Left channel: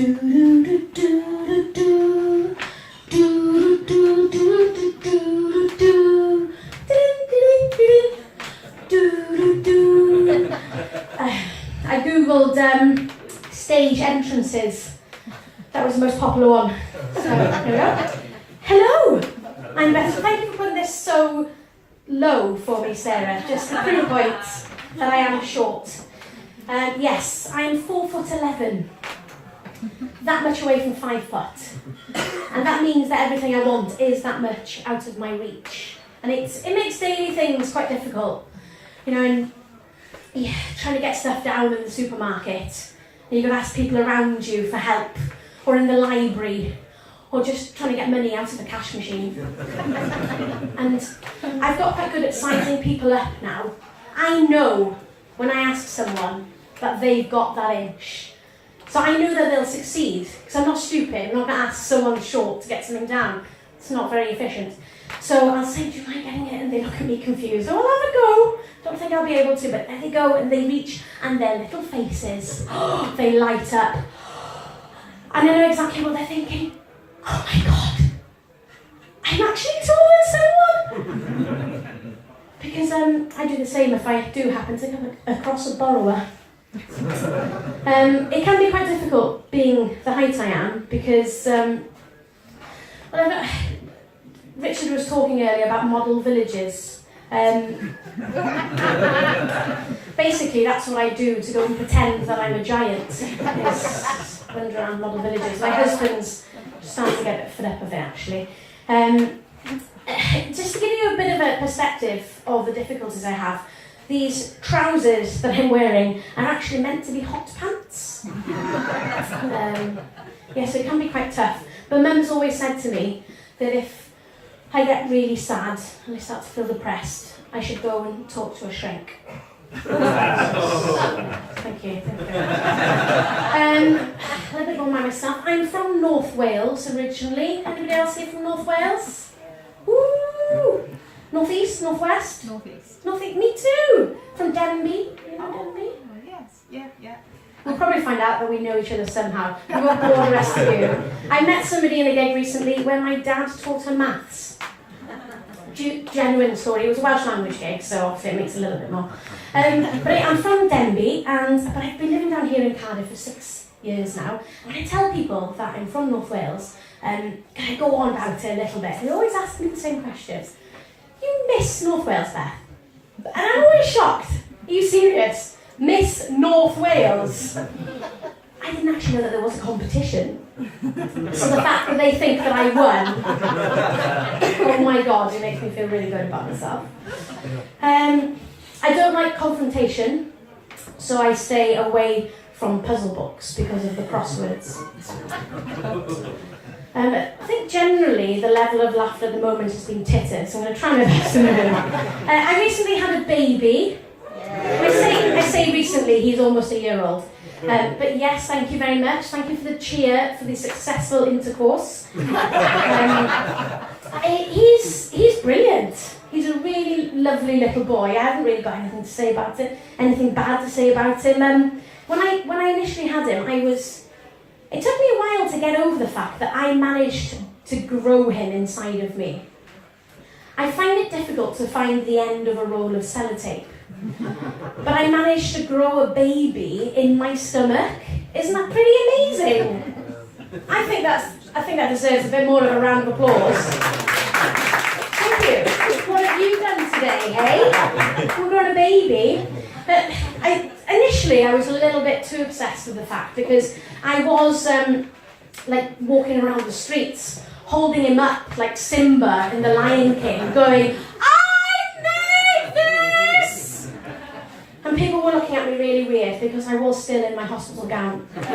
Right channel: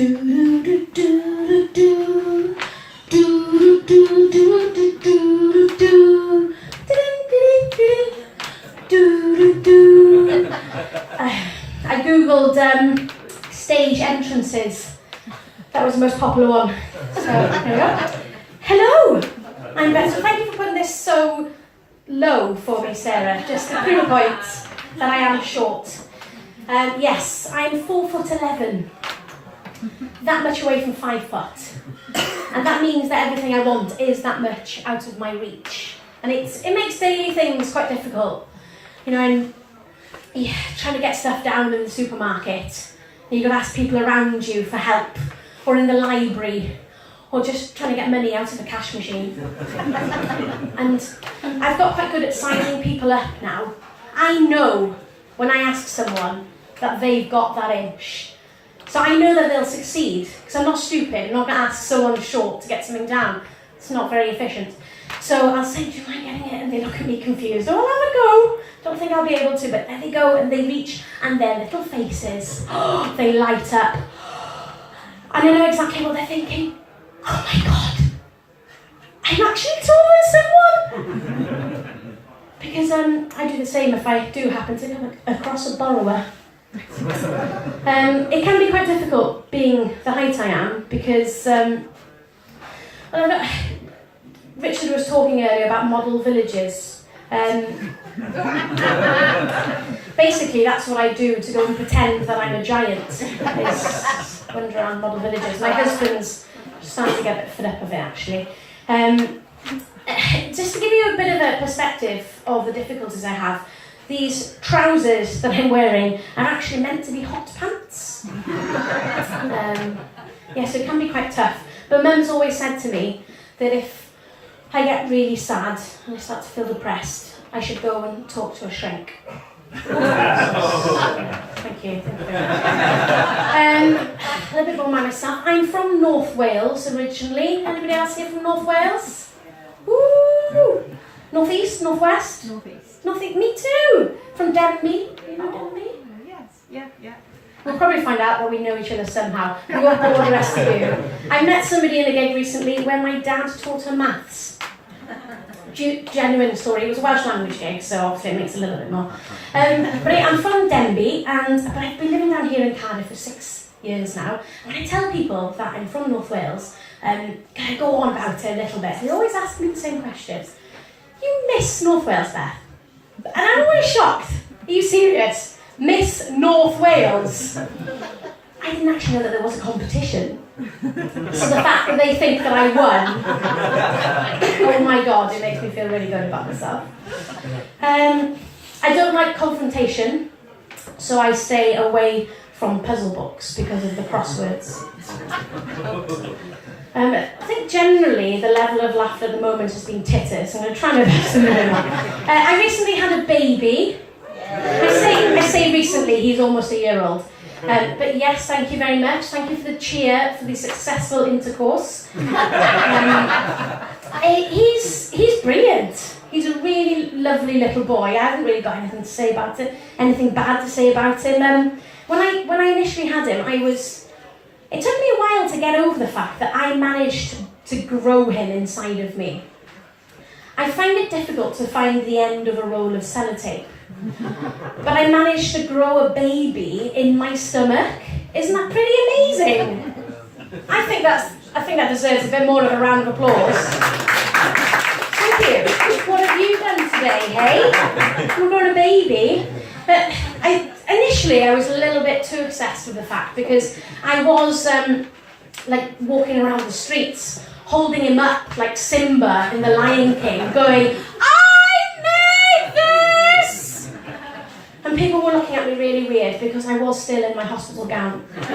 I googled stage entrances. That was the most popular one. So there we go. Hello, I'm Beth. Thank you for putting this so low for me, Sarah. Just to prove a point that I am short. Yes, I'm 4'11", that much away from 5 foot, and that means that everything I want is that much out of my reach, and it makes daily things quite difficult. You know, and you're trying to get stuff down in the supermarket, and you've got to ask people around you for help, or in the library, or just trying to get money out of the cash machine. And I've got quite good at sizing people up now. I know when I ask someone that they've got that inch. So I know that they'll succeed, because I'm not stupid. I'm not going to ask someone short to get something down. It's not very efficient. So I'll say, do you mind getting it? And they look at me confused. Oh, I'll have a go. Don't think I'll be able to, but there they go, and they reach, and their little faces, they light up. And I know exactly what they're thinking. Oh my God, I'm actually taller than someone. Because I do the same if I do happen to come across a borrower. It can be quite difficult being the height I am, because Richard was talking earlier about model villages. Basically, that's what I do to go and pretend that I'm a giant, is wander around model villages. My husband's starting to get a bit fed up of it, actually. Just to give you a bit of a perspective of the difficulties I have, these trousers that I'm wearing are actually meant to be hot pants. Yes, it can be quite tough. But Mum's always said to me that if I get really sad and I start to feel depressed, I should go and talk to a shrink. Thank you. A little bit more about myself. I'm from North Wales originally. Anybody else here from North Wales? Woo! North East, North West? North East. Me too! From Denby. You know Denby? Yes, yeah. We'll probably find out that we know each other somehow. We won't bore the rest of you. I met somebody in a gig recently where my dad taught her maths. Genuine story. It was a Welsh language gig, so obviously it makes a little bit more. But I'm from Denby, but I've been living down here in Cardiff for 6 years now. And I tell people that I'm from North Wales, can I go on about it a little bit? They always ask me the same questions. You miss North Wales, Beth? And I'm always shocked. Are you serious? Miss North Wales? I didn't actually know that there was a competition. So the fact that they think that I won, oh my God, it makes me feel really good about myself. I don't like confrontation, so I stay away from puzzle books because of the crosswords. I think generally the level of laughter at the moment has been titter, so I'm going to try my best to move it on. I recently had a baby. I say recently, he's almost a year old. But yes, thank you very much. Thank you for the cheer, for the successful intercourse. He's brilliant. He's a really lovely little boy. I haven't really got anything to say about it, anything bad to say about him. When I initially had him, it took me a while to get over the fact that I managed to grow him inside of me. I find it difficult to find the end of a roll of sellotape. But I managed to grow a baby in my stomach. Isn't that pretty amazing? I think that deserves a bit more of a round of applause. Thank you. What have you done today, hey? You've grown a baby. But initially I was a little bit too obsessed with the fact, because I was walking around the streets holding him up like Simba in The Lion King, going, and people were looking at me really weird because I was still in my hospital gown. But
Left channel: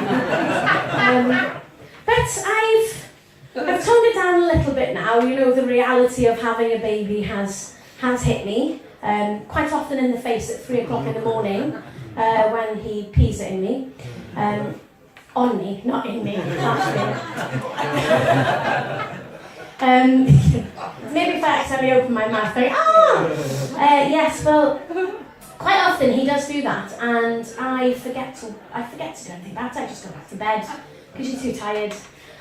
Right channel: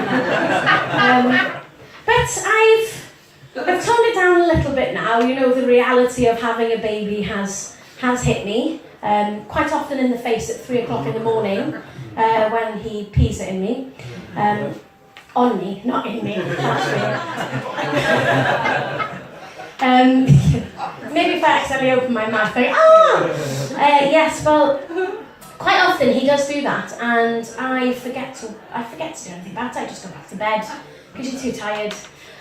I've toned it down a little bit now. You know, the reality of having a baby has hit me. Quite often in the face at 3 o'clock in the morning when he pees it in me. On me, not in me. Maybe if I accidentally open my mouth going, yes, well, quite often he does do that, and I forget to do anything about it. I just go back to bed, because you're too tired.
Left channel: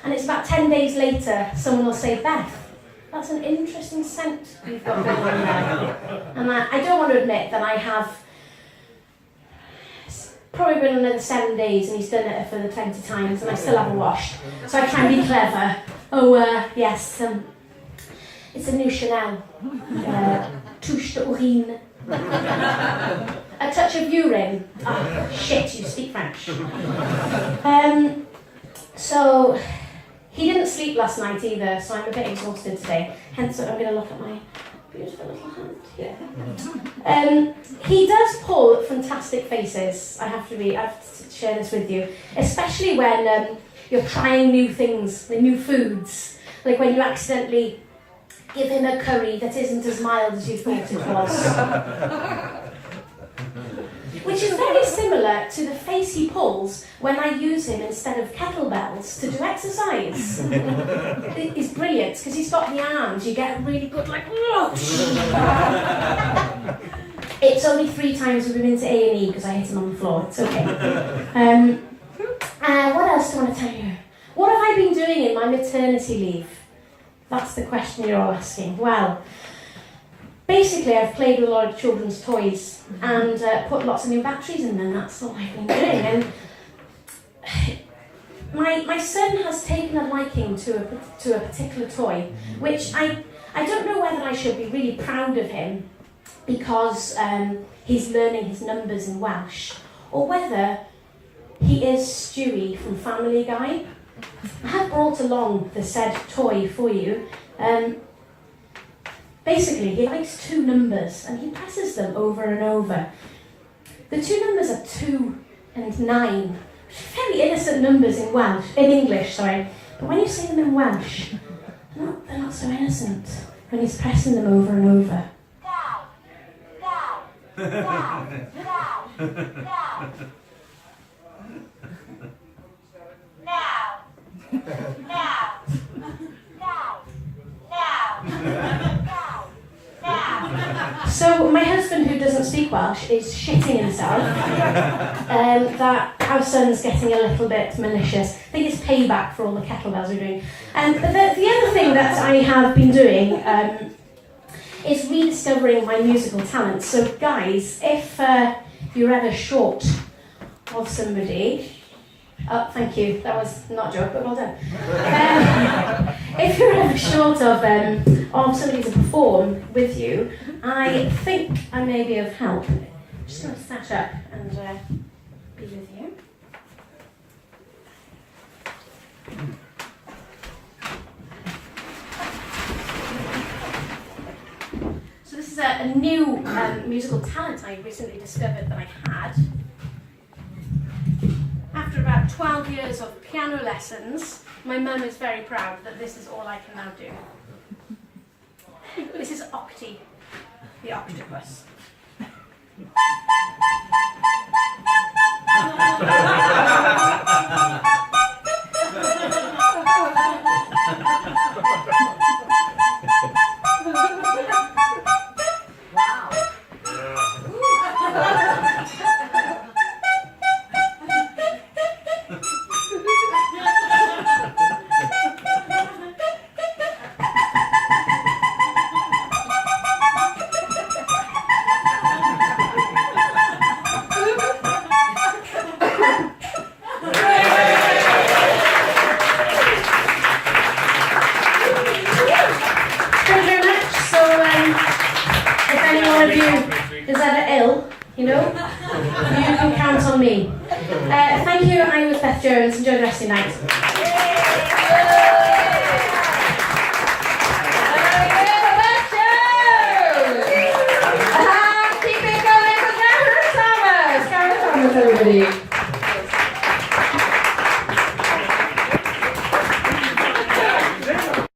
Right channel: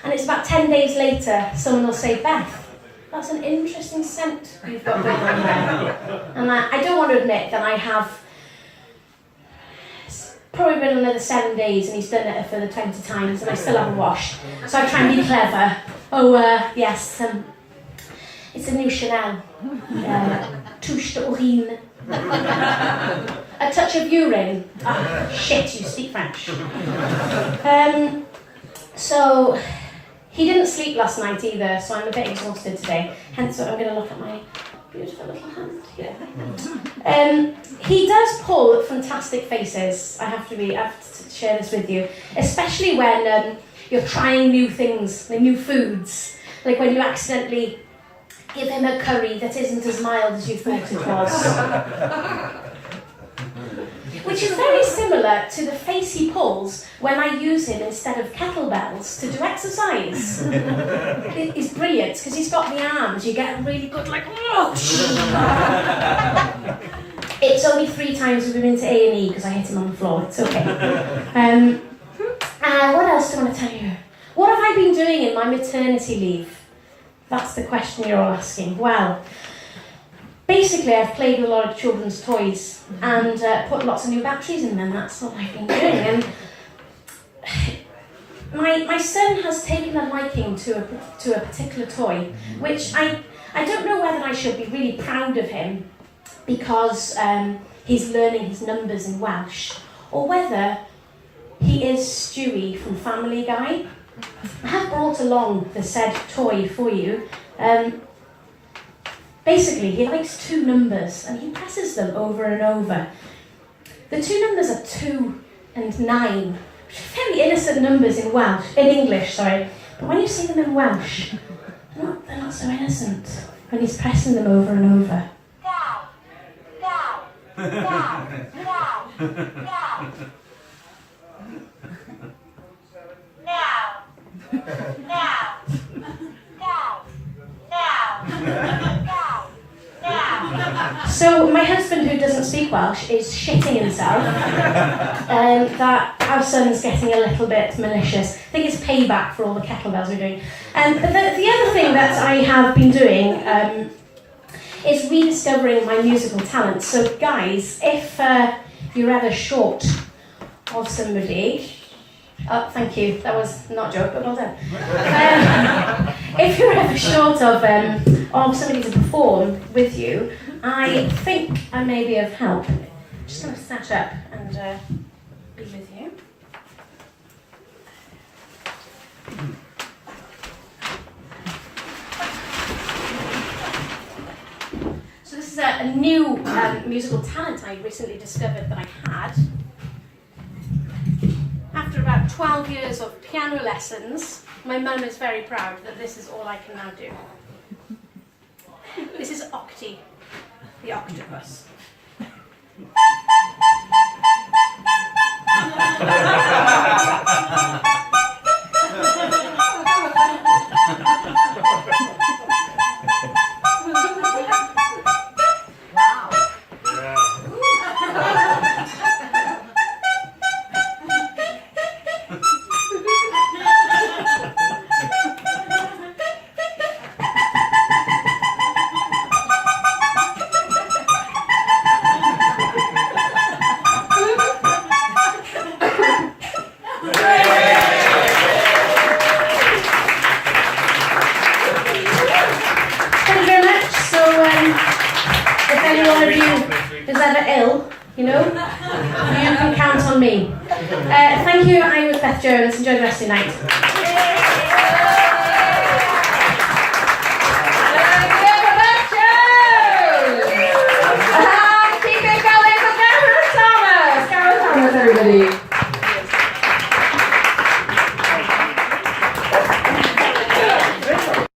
And it's about 10 days later, someone will say, Beth, that's an interesting scent you've got going on there. And I don't want to admit that I have probably been another 7 days and he's done it for the 20 times and I still haven't washed. So I try and be clever. Oh, yes, it's a new Chanel. Touche d'urine. A touch of urine. Oh, shit, you speak French. So, he didn't sleep last night either, so I'm a bit exhausted today. Hence, I'm going to look at my beautiful little hand here. He does pull fantastic faces, I have to share this with you. Especially when you're trying new things, new foods. Like when you accidentally give him a curry that isn't as mild as you thought it was. Which is very similar to the face he pulls when I use him instead of kettlebells to do exercise. It's brilliant, because he's got the arms, you get a really good like... It's only 3 times we've been to A&E because I hit him on the floor, it's okay. What else do I want to tell you? What have I been doing in my maternity leave? That's the question you're all asking. Well, basically I've played with a lot of children's toys and put lots of new batteries in them. That's all I've been doing. And my son has taken a liking to a particular toy, which I don't know whether I should be really proud of him because he's learning his numbers in Welsh, or whether he is Stewie from Family Guy. I have brought along the said toy for you. Basically, he likes 2 numbers and he presses them over and over. The 2 numbers are 2 and 9, which are very innocent numbers in English, sorry. But when you say them in Welsh, they're not so innocent when he's pressing them over and over. So my husband, who doesn't speak Welsh, is shitting himself that our son's getting a little bit malicious. I think it's payback for all the kettlebells we're doing. And the other thing that I have been doing is rediscovering my musical talents. So guys, if you're ever short of somebody... Oh, thank you. That was not a joke, but well done. If you're ever short of somebody to perform with you, I think I may be of help. I'm just going to stand up and be with you. So this is a new musical talent I recently discovered that I had. After about 12 years of piano lessons, my mum is very proud that this is all I can now do. This is Octi, the octopus. If any one of you is ever ill, you can count on me. Thank you. I was Beth Jones. Enjoy the rest of your night. Keep it going for Gareth Thomas. Gareth Thomas, everybody.